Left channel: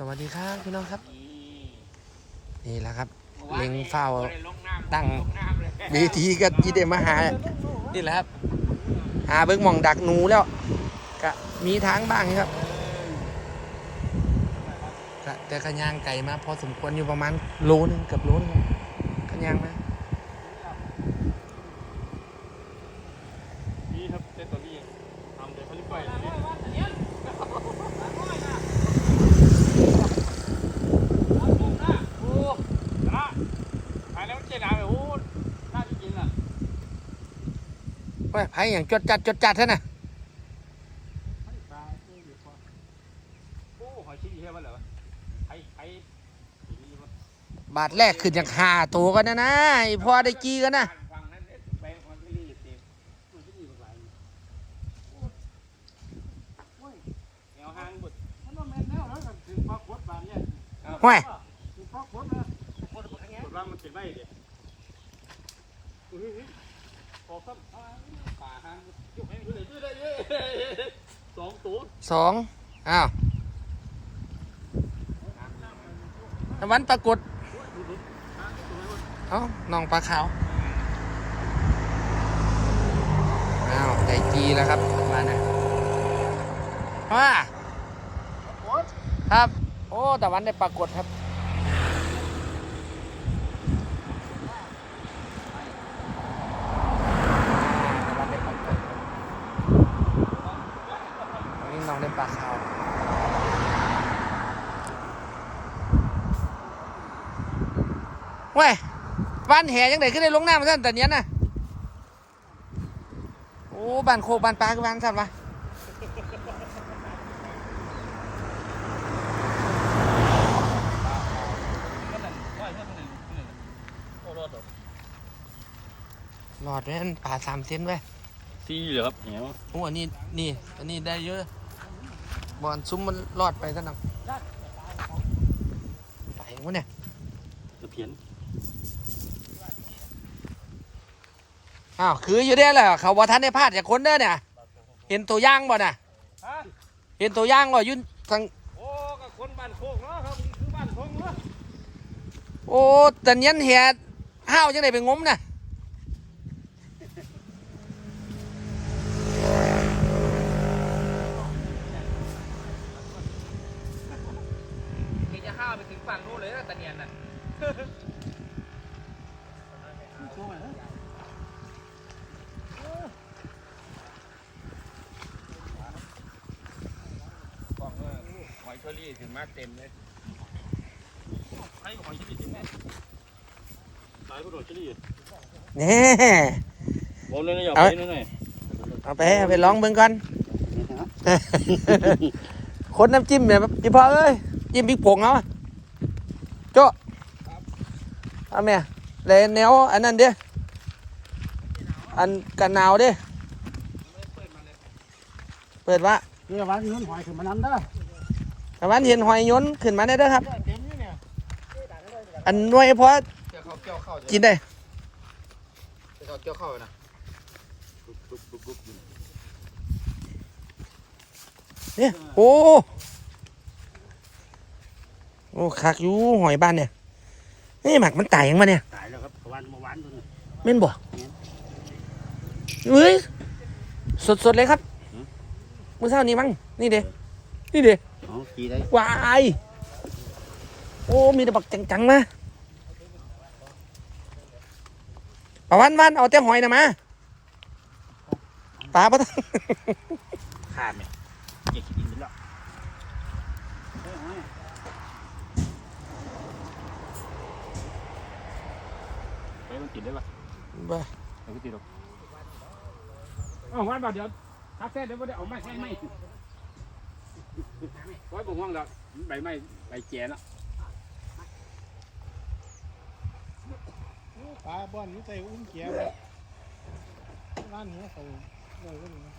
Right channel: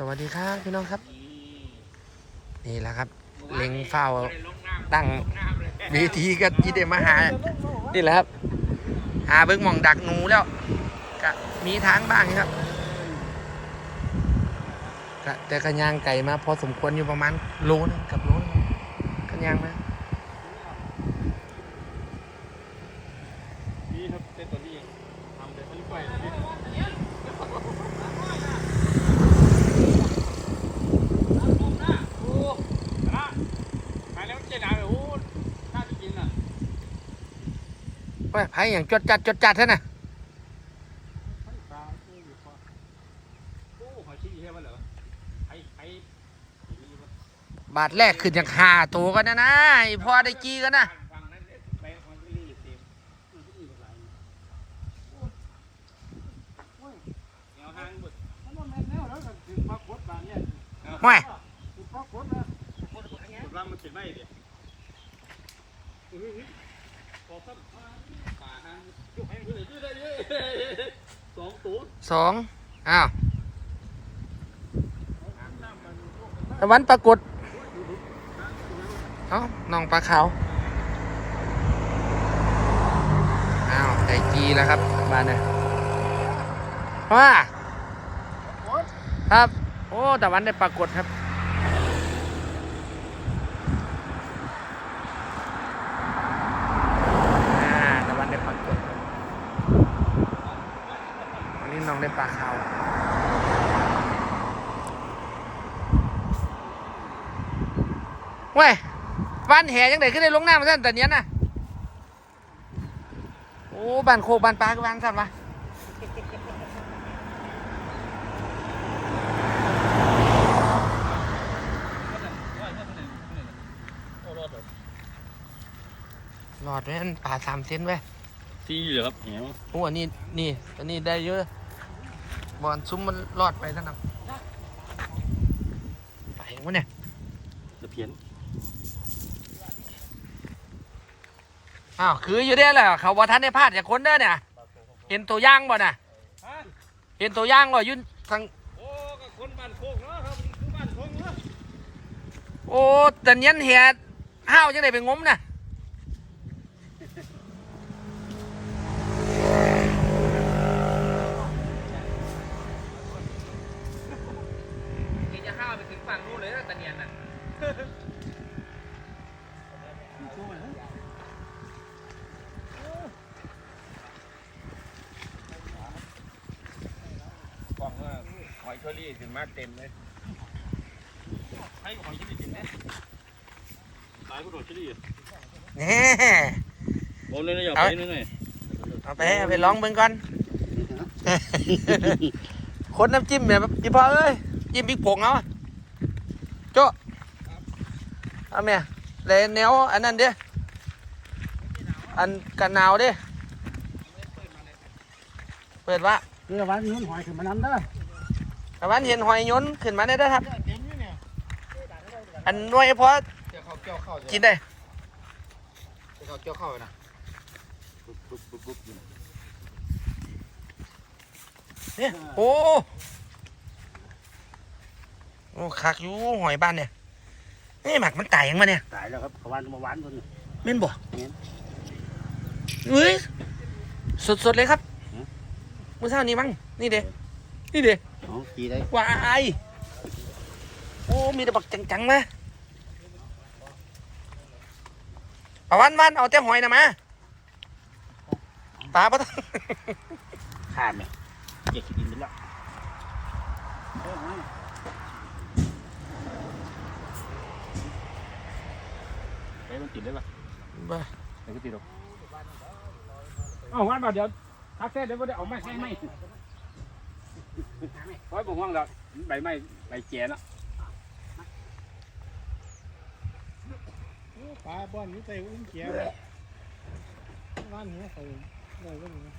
สวัสดีครับพี่น้องครับ นี่แหละครับ เล็งเฝ้าตั้งดีทีก็ยี่เดมาหานี่แหละครับหาเบิ้งมองดักหนูแล้วก็มีทางบ้างครับแต่กระยางไก่มาพอสมควรอยู่ประมาณโลนึงเกับโลนึงกระยางมา นี่ครับเต้นตัวนี้เองทำเลยเขาเรียกว่าอะไรพี่โอ้นะขายแล้วเจ๊หนาโอ้น่าจะกินอะ เฮ้ยไผ่อย่างจดจัดจดจัดเท่าน่ะไอ้ปลาเอ้ยอยู่พอโอ้หอยชี้ใช่ไหมเหรอไอ้ไอ้บาทแรกขึ้นจากหาตัวกันนะนะไอพ่อได้จีกันนะฟังนั้นไปมันก็รีบเต็มมันก็มีหลายโอ้ยเงาหางบุดมันว่าแม่นแล้วแล้วก็ถึงปลาโคตรบานเนี่ย สองตัวสองอ้าวตะวันปรากฏเอ้าน้องปลาขาว อ้าวไก่จีแล้วครับบ้าเนี่ยว่าครับ โอ้ตะวันได้ปรากฏครับ อ่าตะวันได้ปลากฏวันนี้น้ องได้ปลาขาวเว้ยบ้านแหยังไงขึ้นได้ลงน้ำมาท่านแต่เนี้ยนะโอ้บ้านโคกบ้านปลาก็บ้านสัตว์วะก็นั่นร้อยเมื่อเท่าไหร่เท่าไหร่โอ้รอดหรอหลอดไว้อันปลาสามเซนไว้ยที่เหรอครับเหนียวโอ้อันนี้นี่อันนี้ได้เยอะ บอลซุ้มมันรอดไปท่านนักไปวะเนี่ยตะเพียนอ้าวคืออยู่ได้แหละเขาว่าท่านได้พลาดจากคนเด้อเนี่ย เห็นตัวอย่างบ่น่ะฮะเห็นตัวอย่างบ่อยุ่นทางโอ้ก็คนบ้านโคกเนาะครับนี่คือบ้านโคกเนาะโอ้แต่เนี้ยนเหียห้าวจังไดไปงมน่ะ จะห้าวไปถึง ฝั่งนู้นเลยนะตะเนียนน่ะโคกไหนกล่องว่าหอยเชอรี่ถึงมาเต็มเลยไอ้หอยเชอรี่เต็มเนี่ยตายก็โดนเชอรี่นี่ผมเลยนะอย่าไปนั่นไงเอาไปเอาไปลองเบิ่งก่อนคนน้ำจิ้มเนี่ยอีพอเลยจิ้มพริกผงเอาอะ โจ้เอาแม่เลยแนวอันนั้นเด้อันกันหนาวเด้เปิดว่าเรือวันนี้มันหอยถึงมันนั้นเด้อแต่วันเห็นหอยยนต์ขึ้นมาได้เด้อครับ อันหน่วยเพราะเจ้าเข้าเจ้าเข้ากินได้เจ้าเข้าเจ้าเข้านะปุ๊บปุ๊บปุ๊บปุ๊บเนี่ยโอ้ โอ้คักอยู่หอยบ้านเนี่ยนี่หมักมันตายยังมาเนี่ยตายแล้วครับขวานมาหวานคนเม่นบ่เม่นเฮ้ยสดสดๆเลยครับหือมื้อเช้านี้มั้งนี่เด้นี่เด้อ๋อตีได้วายโอ้มีแต่บักจังๆมาประวันวันเอาแต่หอยนะมาปลาปะขาดเนี่ยเจ็ดกินไปแล้วไป มันติดได้ปะบ่ไปก็ติดหรอกเอาวันบ่เดี๋ยวทักแท้เดี๋ยวบ่ได้เอาไม้ให้ไม้ไว้บ่ห่วงแล้วใบไม้ใบแก่แล้วปลาบ้านนี้ใจอุ้มเขียวเลยบ้านหัวเขาเลยก็มีนะ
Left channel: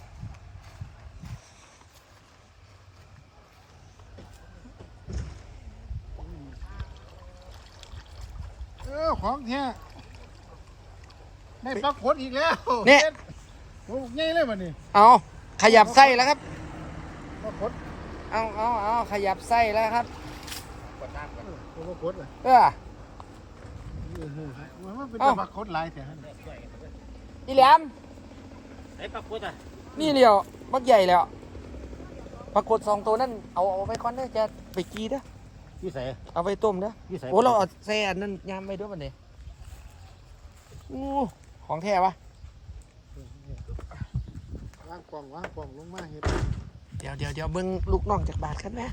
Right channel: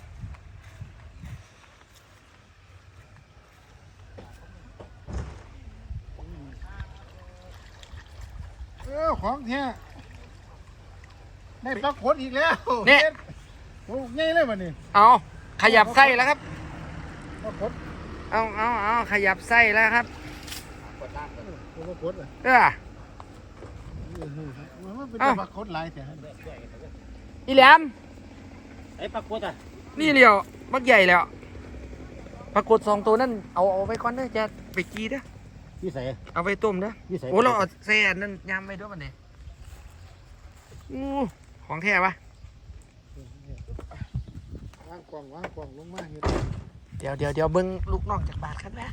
เออของแท้ ได้ปลาขดอีกแล้วเนี่ย โอ้ง่ายเลยวันนี้เอาขยับไส้แล้วครับ ปลาขดเอาเอาเอาขยับไส้แล้วครับปรากฏอะเออมันมันเป็นอ้าวปรากฏหลายแต่อีแหลมไอ้ปรากฏอะนี่เดียวบักใหญ่แล้ว ปรากฏสองตัวนั่นเอาเอาไปก่อนเด้อจะไปกีเด้อพี่ใส่เอาไปต้มเด้อ พี่ใส่โอ้เราเอาแซ่อันนั่นยำไปด้วยมันนี่อู้ ของแท้ปะวางกล่องวางกล่องลงมาเห็ดเดี๋ยวเดี๋ยวเดี๋ยวเบิ้งลูกน้องจากบาทกันแม่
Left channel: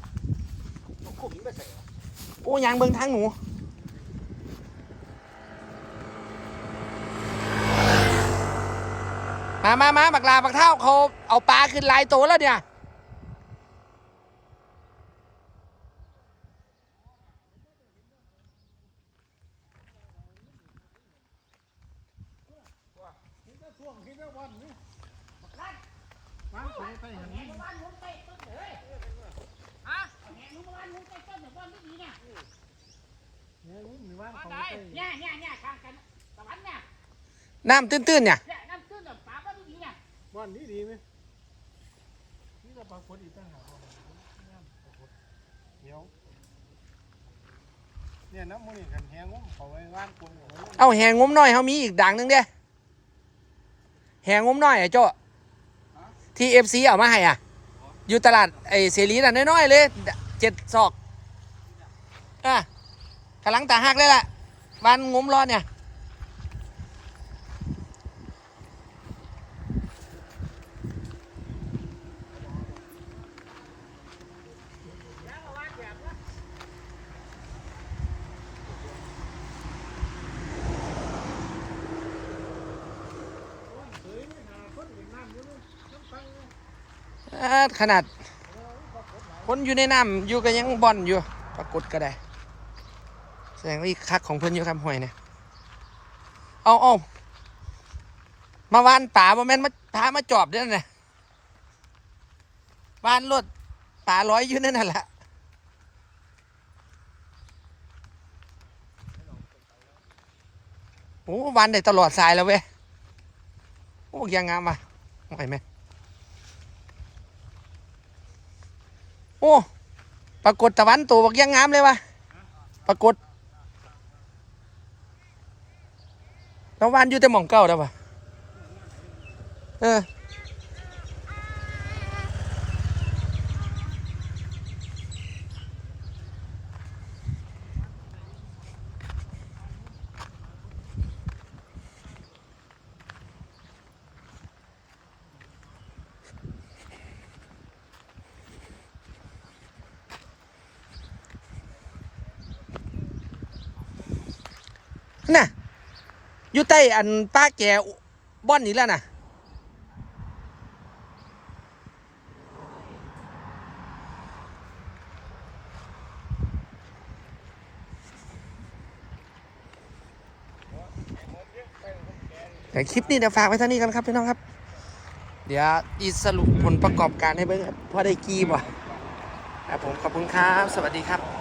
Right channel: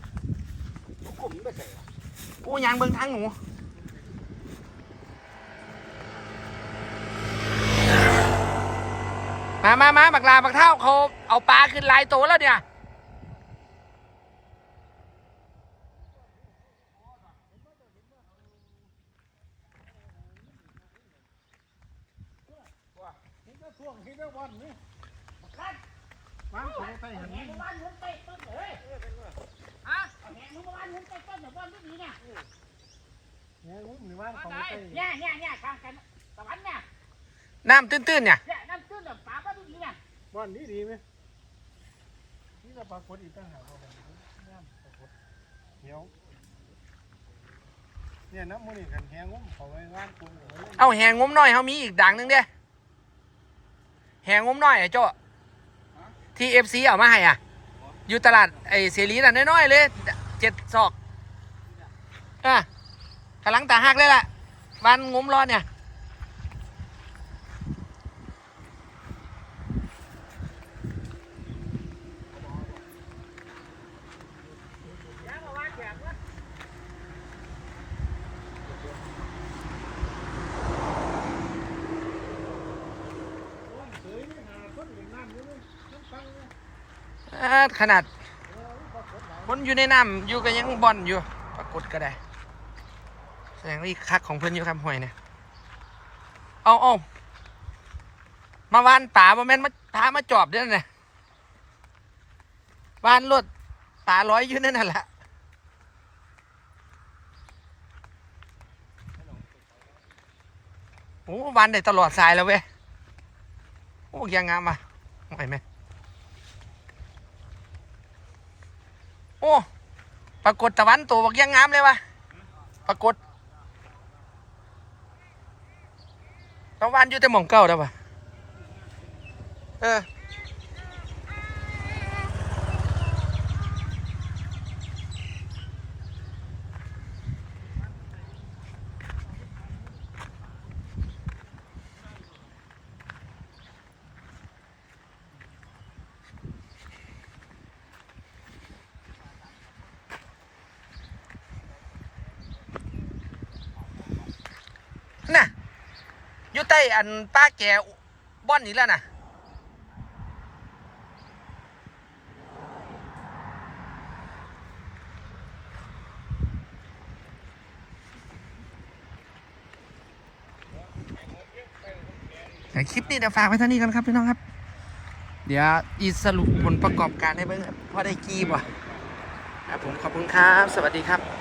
โอ้ยางเบิ้งทางหนูมามามาบักลาบักเท่าเขาเอาปลาขึ้นหลายตัวแล้วเนี่ย ช่วงที่ได้วันนี้วางของไปหันนี้เนี่ยงุ้มหรือวางของไปเนี่ยเนี่ยเนี่ยกลางกันตะวันเนี่ยน้ำตื้นๆเนี่ยเนี่ยน้ำตื้นแบบปลาบ้านดีเนี่ยวันนี้ดีไหมนี่จะปรากฏอีกต่างหากว่าน้ำปรากฏเหี่ยวเนี่ยน้ำมันนี่กันแหงงุ้มเขาไว้วางกลุ่มเอาไว้เอาแหงงมน้อยเขามีอีกด่างหนึงเด้ แหงงมน้อยไอ้โจ้ที่เอฟซีเอามาให้อะ อยู่ตลาดไอ้เสรีน่ะน้อยๆเลยเจ็ดศอกอะกำลังตาหักเลยล่ะวันงมรอดเนี่ย ขนาด คนอยู่ในน้ำอยู่ก็ยังบอนอยู่ ปรากฏก็ได้ แสดงว่าอีกคักของเพื่อนอยู่คำห่วยนะเอาเอามาวานป่าบ่แม่นมาพามาจอบเด้อนะวานรถป่าร้อยอยู่นั่นน่ะละโอ้วานได้ตลอดสายแล้วเว้ย โอ้ยังงามอะไหวไหม อ้ปรากฏตะวันตัวบักยังงามเลยวะปรากฏแล้ววานอยู่แต่หม่องเก่าแล้วปะเออน่ะ อยู่ใต้อันป้าแกบ้อนนี่แล้วนะแต่คลิปนี้เดี๋ยวฝากไว้เท่านี้กันครับพี่น้องครับ เดี๋ยวอีสรุปผลประกอบการให้เบิ่งครับว่าได้กี่บ่ครับผมขอบคุณครับ สวัสดีครับ